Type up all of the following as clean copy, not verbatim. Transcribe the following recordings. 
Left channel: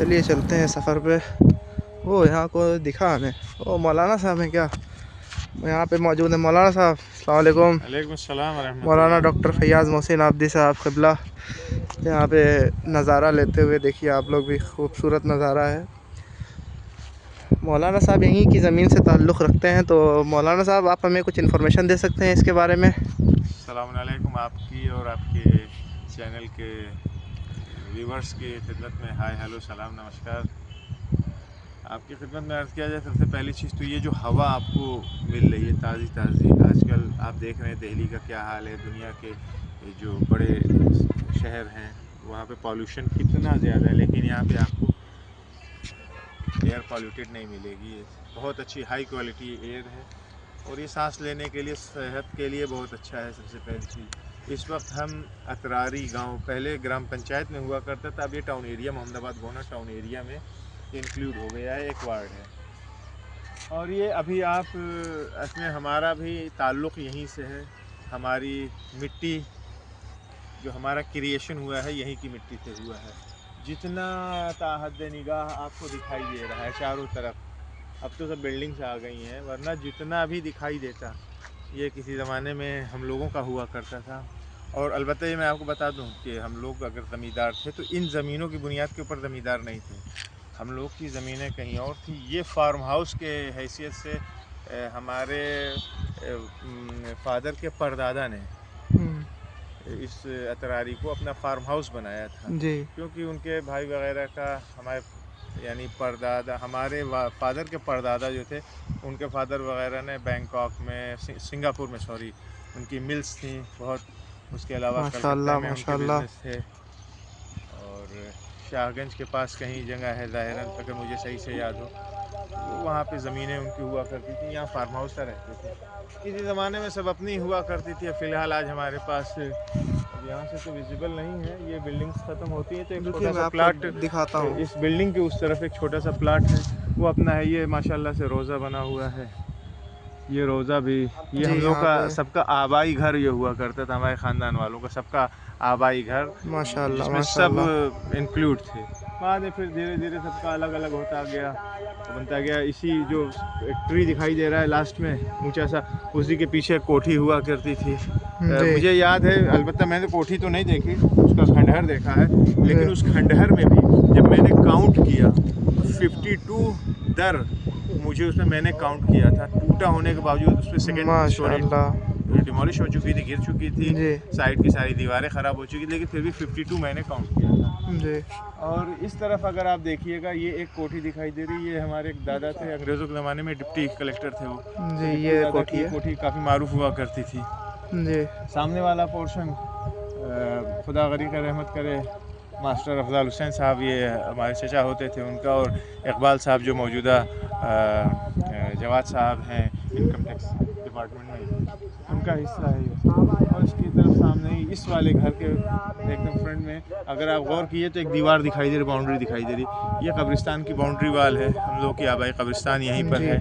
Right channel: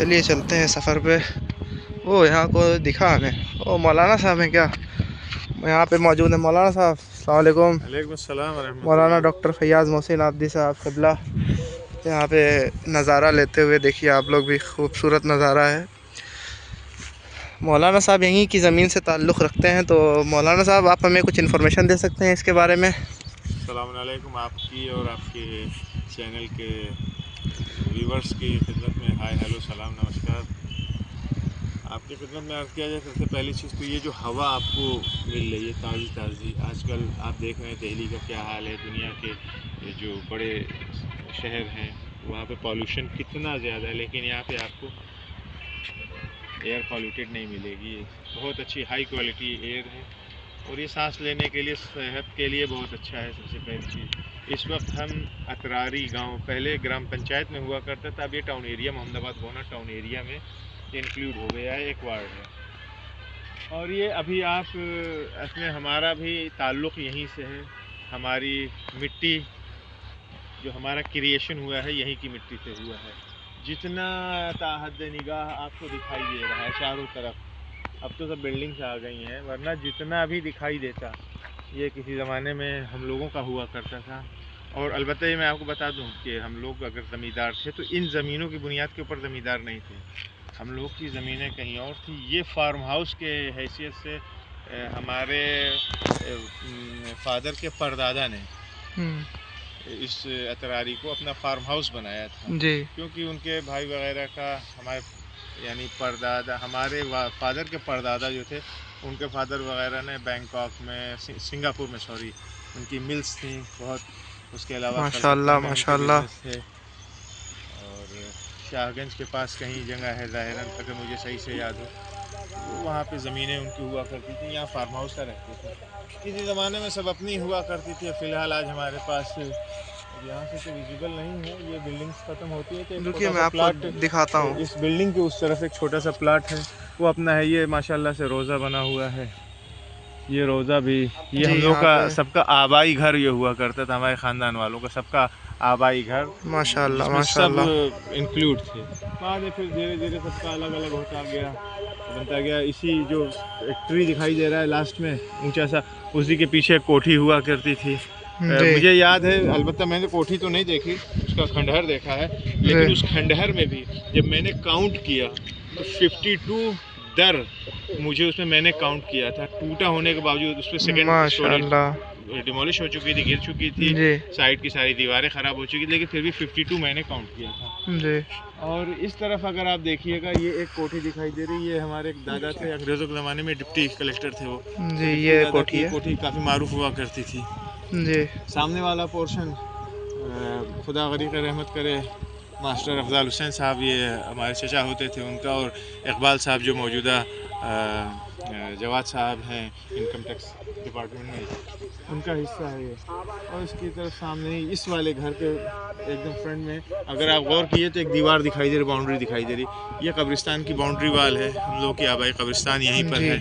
चलिए चलते हैं सफ़र पे। वो यहाँ को दिखा हमें, ओ मौलाना साहब हैं क्या? यहाँ पे मौजूद है मौलाना साहब। अस्सलाम वालेकुम। वालेकुम अस्सलाम व मौलाना रहमतुल्लाह। डॉक्टर फैयाज़ मोहसिन आबदी साहब क़िबला यहाँ पे नज़ारा लेते हुए देखिए आप लोग भी, खूबसूरत नज़ारा है। मौलाना साहब यहीं की ज़मीन से ताल्लुक़ रखते हैं, तो मौलाना साहब आप हमें कुछ इन्फॉर्मेशन दे सकते हैं इसके बारे में? अस्सलाम वालेकुम, आपकी और आपके चैनल के व्यूवर्स की खिदमत में हाय हेलो सलाम नमस्कार। आपकी खिदमत में अर्ज़ किया जाए, सबसे पहली चीज़ तो ये जो हवा आपको मिल रही है ताज़ी ताज़ी, आजकल आप देख रहे हैं दिल्ली का क्या हाल है, दुनिया के जो बड़े शहर हैं वहाँ पे पॉल्यूशन कितना ज़्यादा है, लेकिन यहाँ पे आपको एयर पॉल्यूटेड नहीं मिलेगी। बहुत अच्छी हाई क्वालिटी एयर है और ये सांस लेने के लिए, सेहत के लिए बहुत अच्छा है। सबसे पहली चीज़, इस वक्त हम अतरारी गांव, पहले ग्राम पंचायत में हुआ करता था, अब ये town area, Mohammadabad gonna town area में इंक्लूड हो गया है, एक वार्ड है। और ये अभी आप इसमें हमारा भी ताल्लुक़ यहीं से है। हमारी मिट्टी, जो हमारा क्रिएशन हुआ है, यहीं की मिट्टी से हुआ है। जितना ताहद निगाह आपको दिखाई दे रहा है चारों तरफ, अब तो सब बिल्डिंग्स आ गई हैं, वरना जितना भी दिखाई देता ये किसी ज़माने में हम लोगों का हुआ करता था। और अलबत्ता ये मैं आपको बता दूं कि हम लोग अगर ज़मींदार थे तो इन ज़मीनों की बुनियाद के ऊपर ज़मींदार नहीं थे, हम लोग की ज़मीनें कहीं और थी। ये फार्म हाउस के हैसियत से हमारे फादर के परदादा ने इस अतरारी को अपना फार्म हाउस बनाया था जी। क्योंकि उनके भाई वगैरह का, हमारे यानी परदादा, हमारे फादर के परदादा जो थे, उनके फादर वगैरह ने बैंकॉक में, सिंगापुर में सॉरी, उनकी मिल्स थी बहुत। उसके अलावा कलकत्ता माशाल्लाह में उनके माशाल्लाह। बिजनेस थे। और शाहगंज के पास कहीं जगह है ज़ाहिरन, अगर मुझे सही से याद हो, तो वहाँ पे ज़मीनें उनकी हुआ करती थी, यहाँ फार्म हाउस का रहते थे। किसी ज़माने में सब अपनी हुआ करती थी। फ़िलहाल आज हमारे पास, अब यहाँ से तो विजिबल नहीं है, ये बिल्डिंग्स ख़त्म होती है तो एक रुकिए छोटा मैं सा आपको प्लाट, दिखाता हूँ। इस बिल्डिंग के उस तरफ एक छोटा सा प्लाट है, वो अपना है। ये माशाल्लाह से रोज़ा बना हुआ है, ये रोज़ा भी, ये जी हम लोग यहाँ का पे सबका आबाई घर ये हुआ करता था, हमारे ख़ानदान वालों का सबका आबाई घर, माशाल्लाह जिसमें सब माशाल्लाह। इंक्लूड थे। बाद में फिर धीरे धीरे सबका अलग अलग होता गया, बनता गया। इसी जो एक ट्री दिखाई दे रहा है लास्ट में ऊंचा सा, उसी के पीछे एक कोठी हुआ करती थी। जी मुझे याद है, अलबत्ता मैंने कोठी तो नहीं देखी, उसका खंडहर देखा है, जी। लेकिन उस खंडहर में भी जब मैंने काउंट किया तो 52 दर मुझे उसमें मैंने काउंट किया था। टूटा होने के बावजूद उस पर सेकेंड स्टोरी माशाल्लाह। डिमोलिश हो चुकी थी, गिर चुकी थी, जी साइड की सारी दीवारें ख़राब हो चुकी थी, लेकिन फिर भी 52 मैंने काउंट किया था। जी और इस तरफ अगर आप देखिएगा, ये एक कोठी दिखाई दे रही है, ये हमारे एक दादा थे, अंग्रेज़ों के ज़माने में डिप्टी कलेक्टर थे वो, तो जी। डिप्टी ये दादा कोठी की है। कोठी काफ़ी मारूफ हुआ करती थी। जी सामने वाला पोर्शन, खुदा गरीब रहमत करे, मास्टर अफजाल हुसैन साहब, ये हमारे चचा होते थे उनका, और इकबाल साहब जो मौजूदा जवाद साहब हैं इनकम टैक्स डिपार्टमेंट में, उनका हिस्सा है ये। और इसकी तरफ सामने ही इस वाले घर के एकदम फ्रंट में अगर आप गौर किए तो एक दीवार दिखाई दे रही, बाउंड्री दिखाई दे रही, ये कब्रिस्तान की बाउंड्री वाल है, हम लोग की आबाई कब्रिस्तान यहीं पर जी है।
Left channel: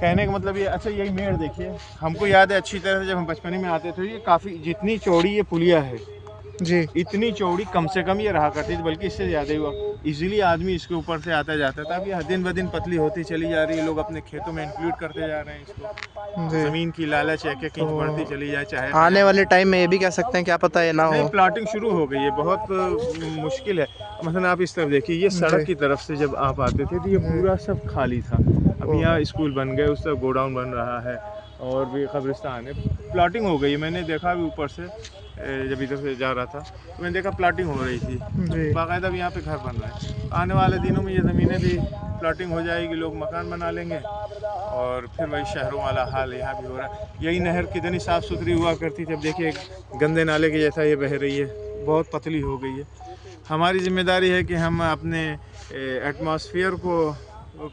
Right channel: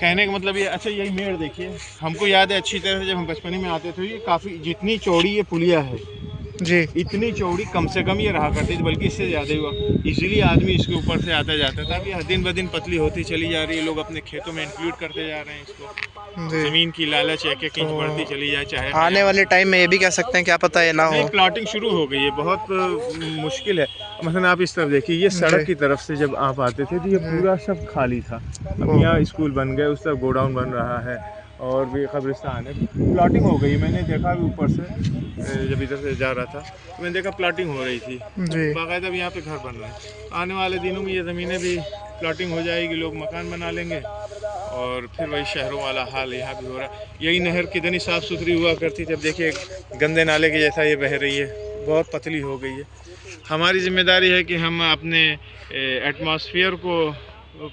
कहने का मतलब ये, अच्छा यही मेड़ देखिए, हमको याद है अच्छी तरह से जब हम बचपन में आते थे, ये काफ़ी, जितनी चौड़ी ये पुलिया है, जी। इतनी चौड़ी कम से कम ये रहा करती थी, बल्कि इससे ज़्यादा हुआ। इजीली आदमी इसके ऊपर से आता जाता था। अब ये दिन ब दिन पतली होती चली जा रही है, लोग अपने खेतों में इंक्लूड करते जा रहे हैं इसको। जी ज़मीन की लालच एक एक तो इंच बढ़ती चली जाए, चाहे आने वाले क़यामत। टाइम में ये भी कह सकते हैं, क्या पता ये ना नहीं, हो। प्लाटिंग शुरू हो गई है, बहुत मुश्किल है। मसलन आप इस तरफ देखिए, ये जी सड़क की तरफ से जब आप आते थे तो ये जी। पूरा सब खाली था। अब ओ यहाँ स्कूल बन गए, उस तरफ गोडाउन बन रहा है और भी कब्रिस्तान है, प्लाटिंग हो गई। मैंने देखा भी ऊपर से, जब इधर से जा रहा था तो मैंने देखा प्लाटिंग हो रही थी, जी बाकायदा भी यहाँ पे घर बन रहे हैं। आने वाले दिनों में ये ज़मीनें भी प्लाटिंग हो जाएगी, लोग मकान बना लेंगे और फिर वही शहरों वाला हाल यहाँ भी हो रहा है। यही नहर कितनी साफ़ सुथरी हुआ करती थी, अब देखिए गंदे नाले के जैसा ये बह रही है, बहुत पतली हो गई है। हमारी ज़िम्मेदारी है कि हम अपने एटमॉस्फेयर को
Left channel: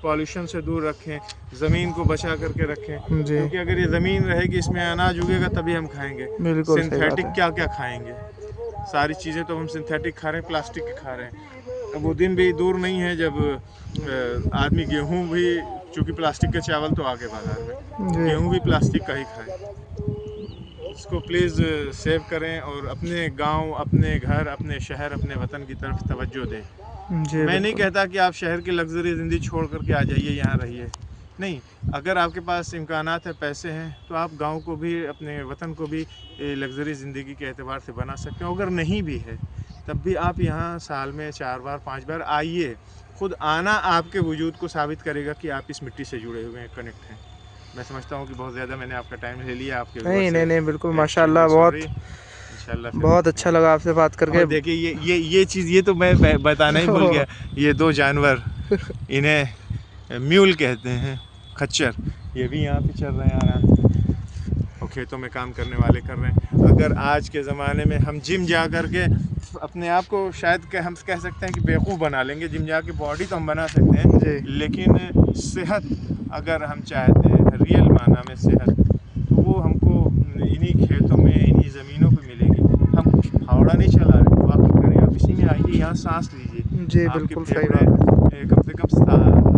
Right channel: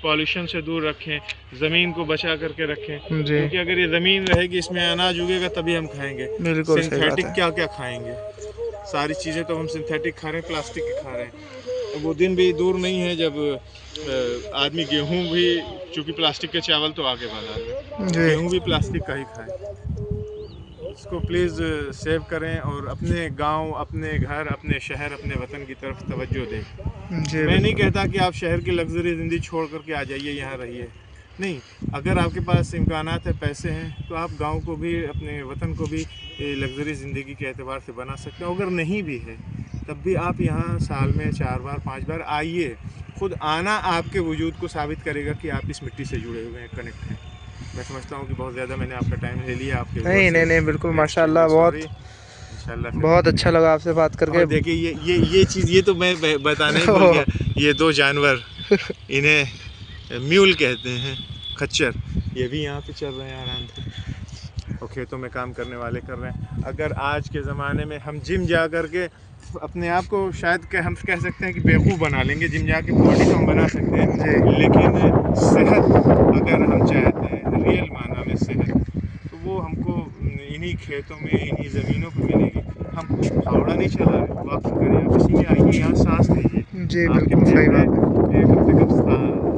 पॉल्यूशन से दूर रखें, ज़मीन को बचा करके रखें, जी। क्योंकि अगर ये ज़मीन रहेगी, इसमें अनाज उगेगा तभी हम खाएंगे। बिल्कुल सही बात सिंथेटिक है। क्या क्या खाएंगे, सारी चीज़ें तो हम सिंथेटिक खा रहे हैं, प्लास्टिक की खा रहे हैं। अब वो दिन भी दूर नहीं है जब आदमी गेहूँ भी, चूँकि प्लास्टिक के चावल तो आगे बाजार में, जी गेहूँ भी प्लास्टिक का ही खाए। इसको प्लीज़ सेव करें और अपने गांव, अपने घर, अपने शहर, अपने वतन की तरफ तवज्जो दें। जी मैं नहीं बिल्कुल। कहता कि आप शहर की लग्जरी ज़िंदगी छोड़ करके आ जाइए, यहाँ रहिए। नहीं, अगर आपके पास इम्कानात है, पैसे हैं, तो आप गांव को भी, अपने वतन को भी लग्जरी ज़िंदगी के एतबार से बना सकते हो। अगर नहीं भी है तब भी आप यहाँ साल में 4 बार 5 बार आइए। खुद आना आपके वजूद को साबित करेगा कि आप इस मिट्टी से जुड़े हुए हैं, कनेक्ट हैं। मैं समझता हूँ कि बहुत ज़्यादा मैंने आपका टाइम ले लिया आपके नहीं व्यूअर्स नहीं से। नहीं, बिल्कुल मैं माशाल्लाह, extremely बहुत sorry। इंशाल्लाह फिर बहुत मिलेंगे। अच्छा लगा आपसे बात करके। और देखिए ये चीज़, ये तो मैं बताना ही भूल गया। ये 2 जानवर, इन्हें म्यूल कहते हैं, खच्चर, ये भी यहाँ पे चल रहे हैं आराम से और खेतों में काम करने वाले कर रहे हैं। अगर आज के ज़माने में हम जिम जा कर के अपने आप को शायद हम कह सकते हैं कि बेवकूफ़ बना लेंगे, जिम जाके बॉडी तो हम बना सकते हैं जी। लेकिन सेहत अगर हम चाहते हैं, रियल माना में सेहत, तो वो हमको इन्हीं खेतों में, इन्हीं ज़मीनों पे मिलेगी। हम फावड़ा नहीं चला रहे, वॉकिंग करें, आप इसी में आइए, यहाँ सांस लीजिए। जी आपके बिल्कुल सही फेफड़े बात है। कम से कम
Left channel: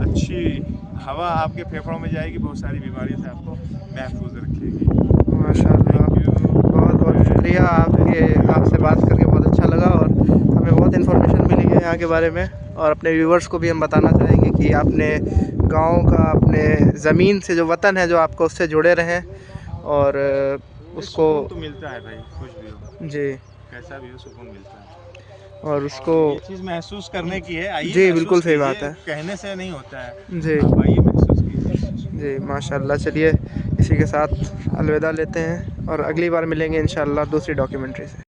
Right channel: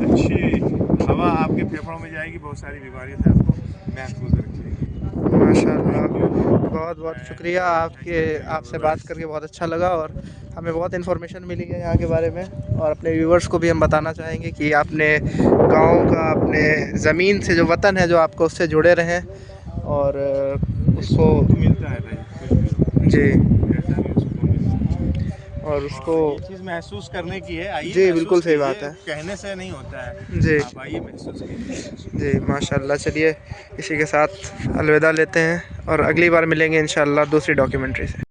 अच्छी हवा आपके फेफड़ों में जाएगी, बहुत सारी बीमारियों से आपको महफूज रखेगी। माशाल्लाह, बहुत बहुत शुक्रिया आपसे बात करके बहुत अच्छा लगा और हमें बहुत इन्फॉर्मेशन मिली है यहाँ के बारे में। और अपने व्यूवर्स को भी हम बताना चाहेंगे कि अपने गांव का, अपने ज़मीन से जो वतन है, जो आपको उससे जुड़े रहें और उसको तो मिलता है भाई, कुछ भी हो, जी, कैसा भी हो, सुकून मिलता है। और उसको ये चीज़ महसूस करने की है, आइए जी महसूस बिल्कुल सही कीजिए, बात है। कहने से नहीं होता है। जी आप आइए, महसूस कीजिए। जी माशाल्लाह। चलिए इसी के साथ अलविदा लेते हैं और अगली बार मिलेंगे इंशाल्लाह दूसरी डॉक्यूमेंट्री से।